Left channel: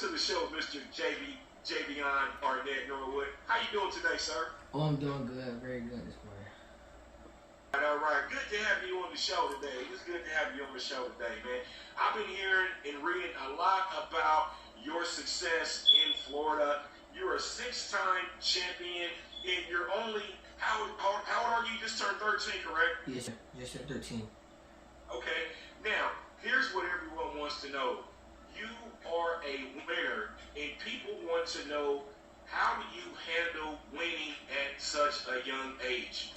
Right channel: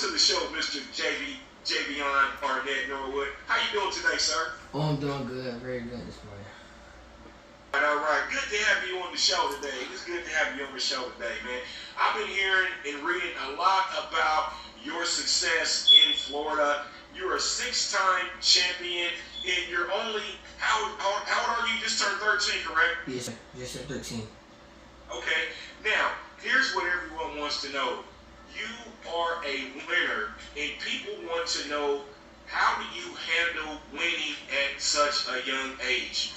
to the show, Mr. Javian Arnett Norwood. How you doing today, sir? Oh, I'm doing good. Very good this morning. All right. Good to have you on the show today. It's good to have you on the show today, man. I've been hearing and reading a lot about your success in Florida. You're a six-time champion, and you're only, how old are you? Just turned 13, correct? Yes, sir. Just turned 13. Okay. Now, here's what everyone wants to know. You are a winner, and people want to know, how do you handle winning at such a young age?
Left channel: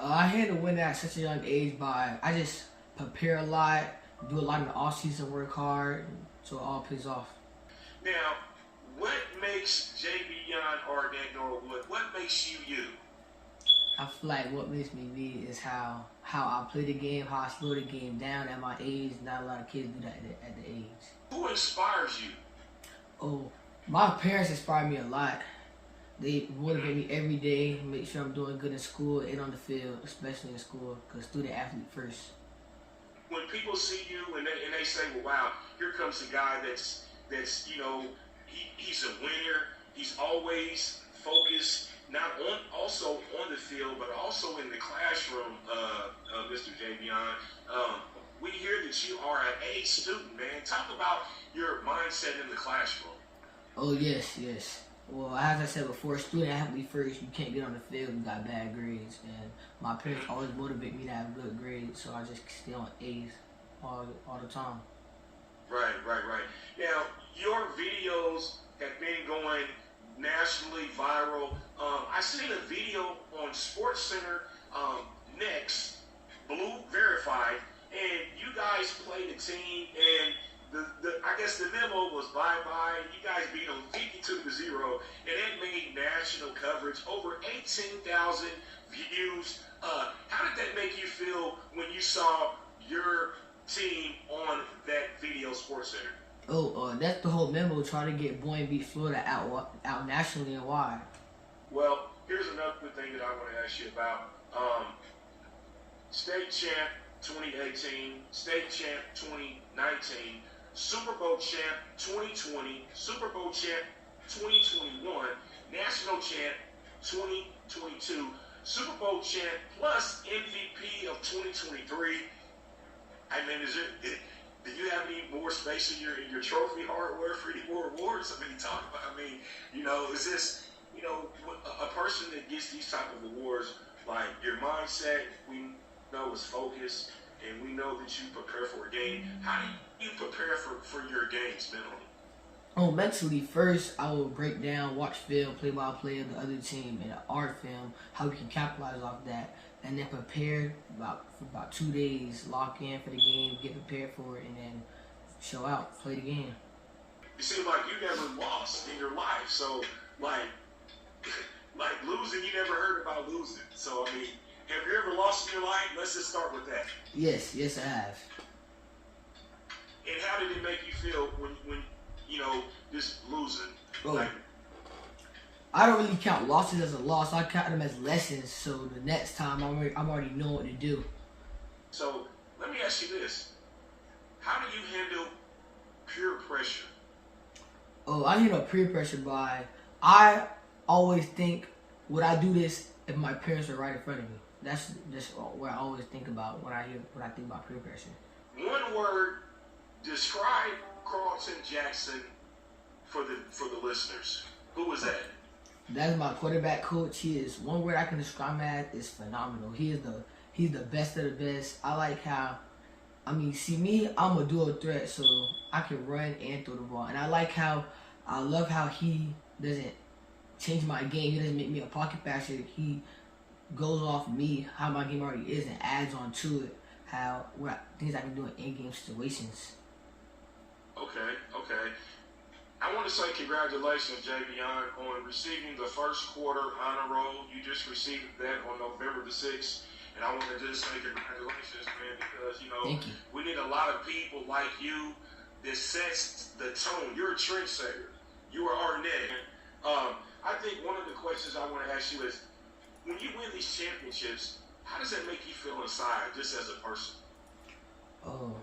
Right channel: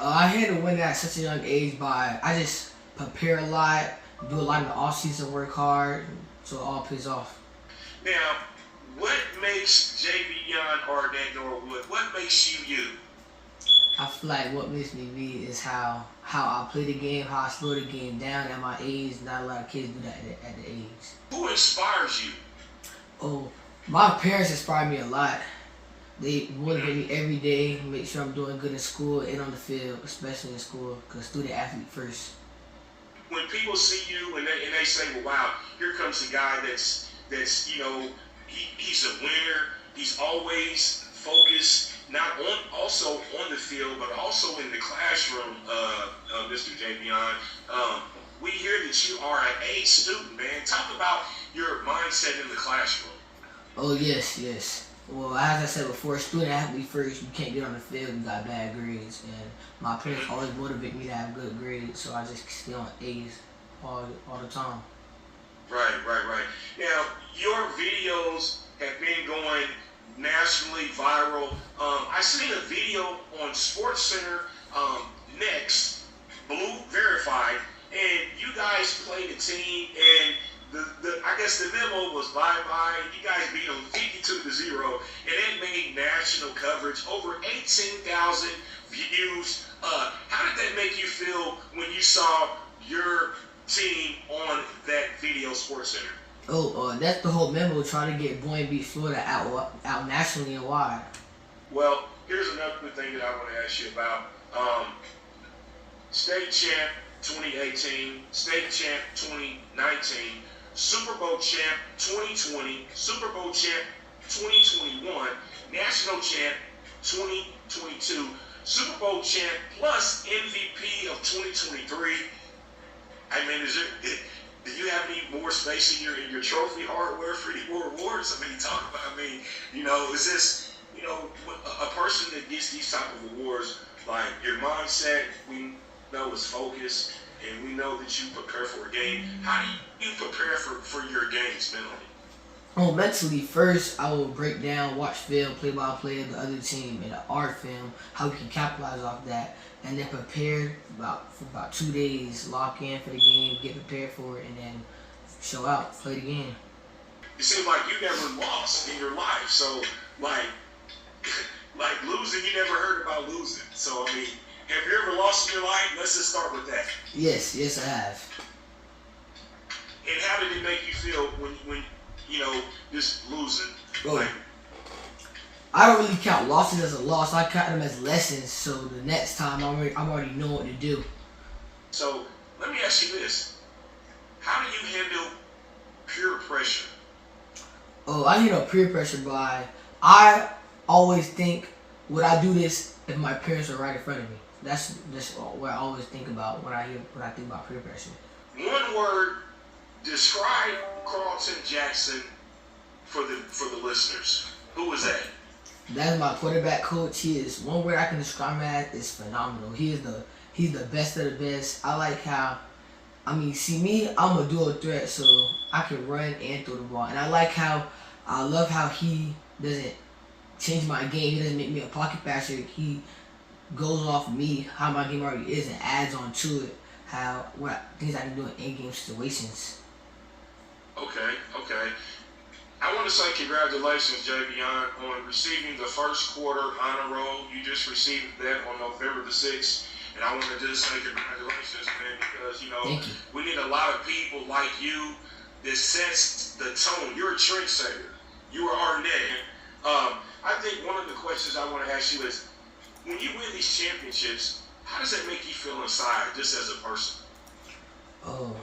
I handle winning at such a young age by, I just prepare a lot, do a lot in the off-season, work hard, so it all pays off. Now, what makes Javian Arnett Norwood, what makes you you? I feel like what makes me me is how I play the game, how I slow the game down at my age. Not a lot of kids do that at the age. Who inspires you? Oh, my parents inspire me a lot. They motivate me every day, make sure I'm doing good in school and on the field, especially in school, because student athlete first. When people see you and they say, well, wow, here comes a guy that's he's a winner. He's always focused, not also on the field, but also in the classroom, Mr. Javian. We hear that you are an A student, man. Talk about your mindset in the classroom. Oh, yes. Well, as I said before, student athlete first, you can't get on the field, you got bad grades. And my parents always motivate me to have good grades, so I just stay on A's all the time. Right. Now, your videos have been going nationally viral. I seen a video on SportsCenter Next, Blue Verified, and you guys played a team, and I guess the memo was bye-bye. You guys beat them 52-0, and it made national coverage, over 18,000 views. How did that make you feel when you saw your team on that video, SportsCenter? Oh, that's the whole memo, trying to get Boynton beat Florida out nationally and wide. Well, here's another thing that I want to ask you about. State champ 2018, state champ 2019, Super Bowl champ 2020, Super Bowl champ 2021, national champ 2022, Super Bowl champ plus MVP of 2023. I mean, do you have any more space in your trophy hardware for any more awards? I mean, is this, a person that gets these type of awards, like your mindset, we know is focused, and we know that you prepare for a game. How do you prepare for your games mentally? Oh, mentally, first I will break down, watch film, play-by-play of the other team, and the art film, how we can capitalize off that, and then prepare for about 2 days, lock in for the game, get prepared for it, and then show out, play the game. It seems like you never lost in your life, so like losing, you never heard about losing. So I mean, have you ever lost in your life? Let's just start with that. Yes, I have. And how did it make you feel when just losing? Bro, I don't really count losses as a loss. I count them as lessons. So the next time, I'm already know what to do. So let me ask you this: how do you handle peer pressure? Oh, I handle peer pressure by, I always think, would I do this if my parents are right in front of me? That's what I always think about when I think about peer pressure. One word, describe Carlton Jackson for the listeners. Who is that? That's my quarterback coach. He is, one word I can describe him as is phenomenal. He's the best of the best. I like how, see me, I'm a dual threat, so I can run and throw the ball. And I love how he doesn't change my game. He doesn't make me a pocket passer. He goes off me, how my game already is, and adds on to it, things I can do in in-game situations. Okay. I want to say congratulations, Javian, on receiving the first quarter honor roll. You just received that on November the 6th. And I want to just say congratulations, man, because, we need a lot of people like you that sets the tone. You're a trendsetter. You are Arnett. I think one of the questions I want to ask you is, when you win these championships, how does that make you feel inside, just as a person? Oh,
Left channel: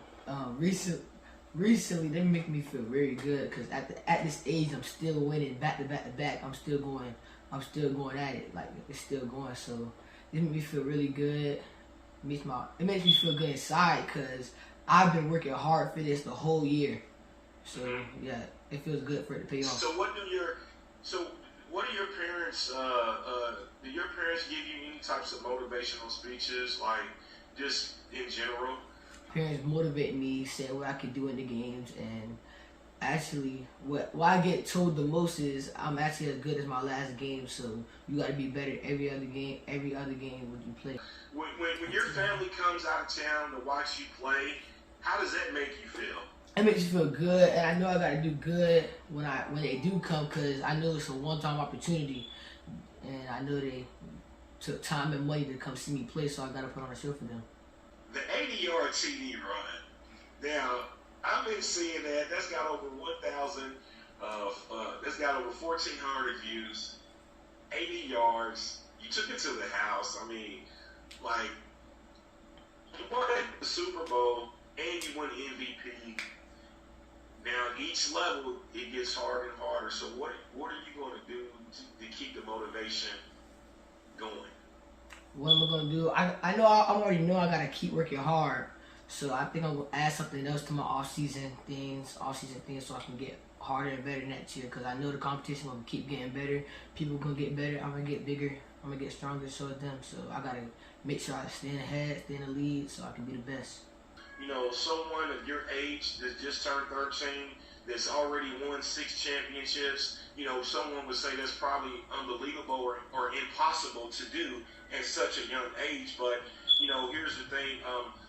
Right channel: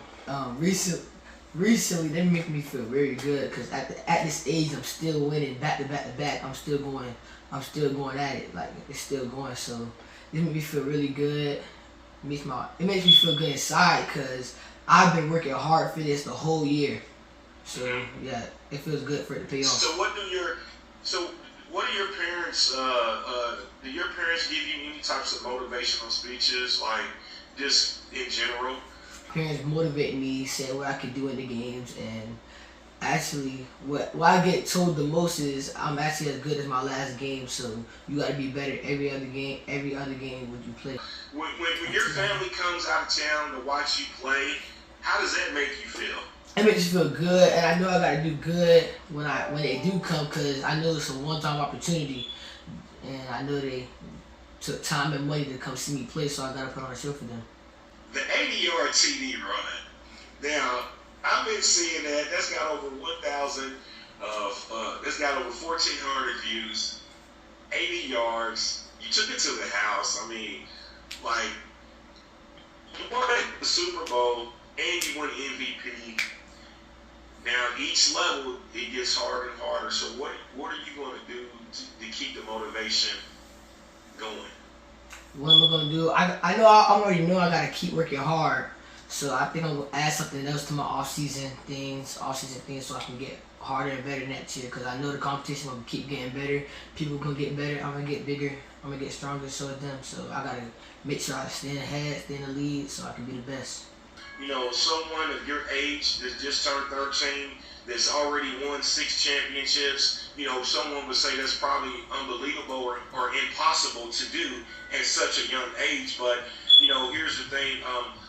recently they make me feel very good because at this age I'm still winning back to back to back. I'm still going at it, like it's still going. So this makes me feel really good. It makes me feel good inside because I've been working hard for this the whole year. So yeah, it feels good for it to pay off. So what do your parents do your parents give you any types of motivational speeches, like just in general? Parents motivate me, say what I can do in the games, and actually what I get told the most is I'm actually as good as my last game, so you got to be better every other game when you play. When your family comes out of town to watch you play, how does that make you feel? It makes you feel good, and I know I gotta do good when they do come, cause I know it's a one-time opportunity, and I know they took time and money to come see me play, so I gotta put on a show for them. The 80-yard TD run. Now I've been seeing that. That's got over 1,000. That's got over 1,400 views. 80 yards. You took it to the house. I mean, like, you won the Super Bowl and you won MVP. Now, each level, it gets harder and harder. So what are you going to do to keep the motivation going? What am I going to do? I already know I got to keep working hard. So I think I'm going to add something else to my off-season things so I can get harder and better next year. Because I know the competition will keep getting better. People are going to get better. I'm going to get bigger. I'm going to get stronger, so is them. So I got to make sure I stay ahead, stay in the lead so I can be the best. You know, someone of your age that just turned 13, that's already won 6 championships, you know, someone would say that's probably unbelievable or impossible to do at such a young age. But, you know, here's the thing.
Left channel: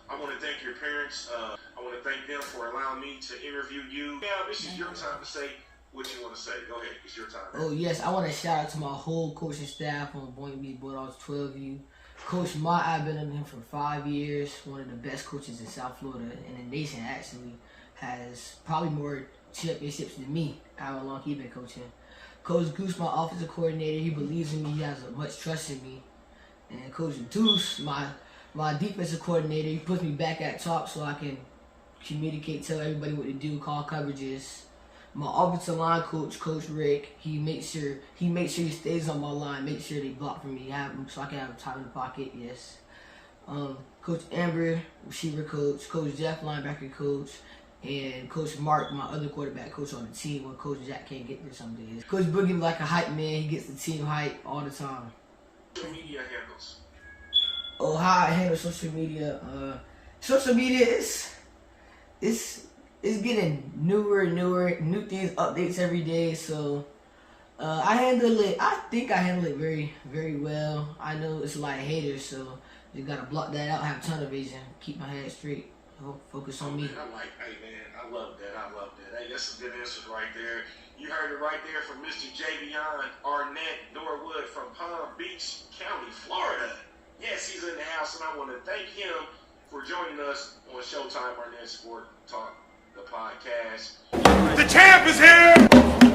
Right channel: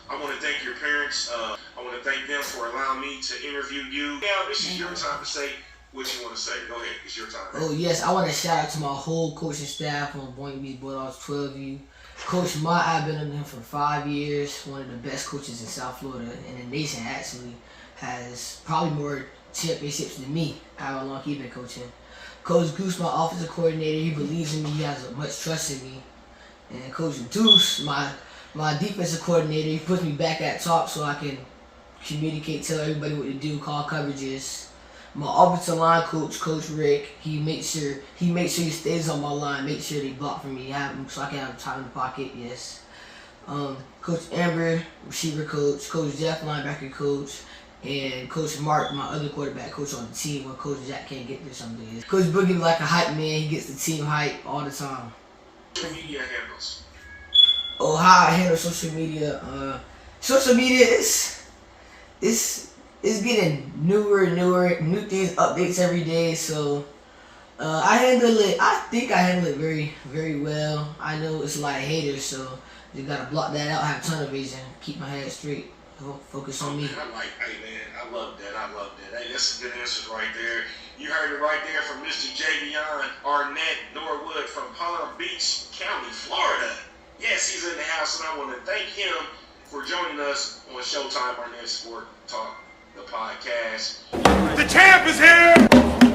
I want to thank your parents. I want to thank them for allowing me to interview you. Now, this is your time to say what you want to say. Go ahead. It's your time. Oh, yes. I want to shout out to my whole coaching staff on Boynton Bulldogs, 12U. Coach Mott, I've been under him for 5 years. One of the best coaches in South Florida and the nation, actually. Has probably more championships than me, however long he's been coaching. Coach Goose, my offensive coordinator, he believes in me. He has much trust in me. And Coach Deuce, my defensive coordinator, he puts me back at top so I can communicate, tell everybody what to do, call coverages. My offensive line coach, Coach Rick, he makes sure he stays on my line, make sure they block for me, so I can have time in the pocket. Yes. Coach Amber, receiver coach, Coach Jeff, linebacker coach, and Coach Mark, my other quarterback coach on the team when Coach Jack can't get there some days. Coach Boogie like a hype man, he gets the team hype all the time. Social media handles. Oh, how I handle social media. Social media is getting newer, new things, updates every day. So I think I handle it very, very well. I know it's a lot of haters, so you gotta block that out, have tunnel vision, keep my head straight, focus on me. Hey man, I love that. Hey, that's a good answer right there. You heard it right there from Mr. Javian Arnett Norwood from Palm Beach County, Florida. Yes, he's in the house, and I want to thank him for joining us on Showtime Arnett Sport Talk, the podcast. The champ is here!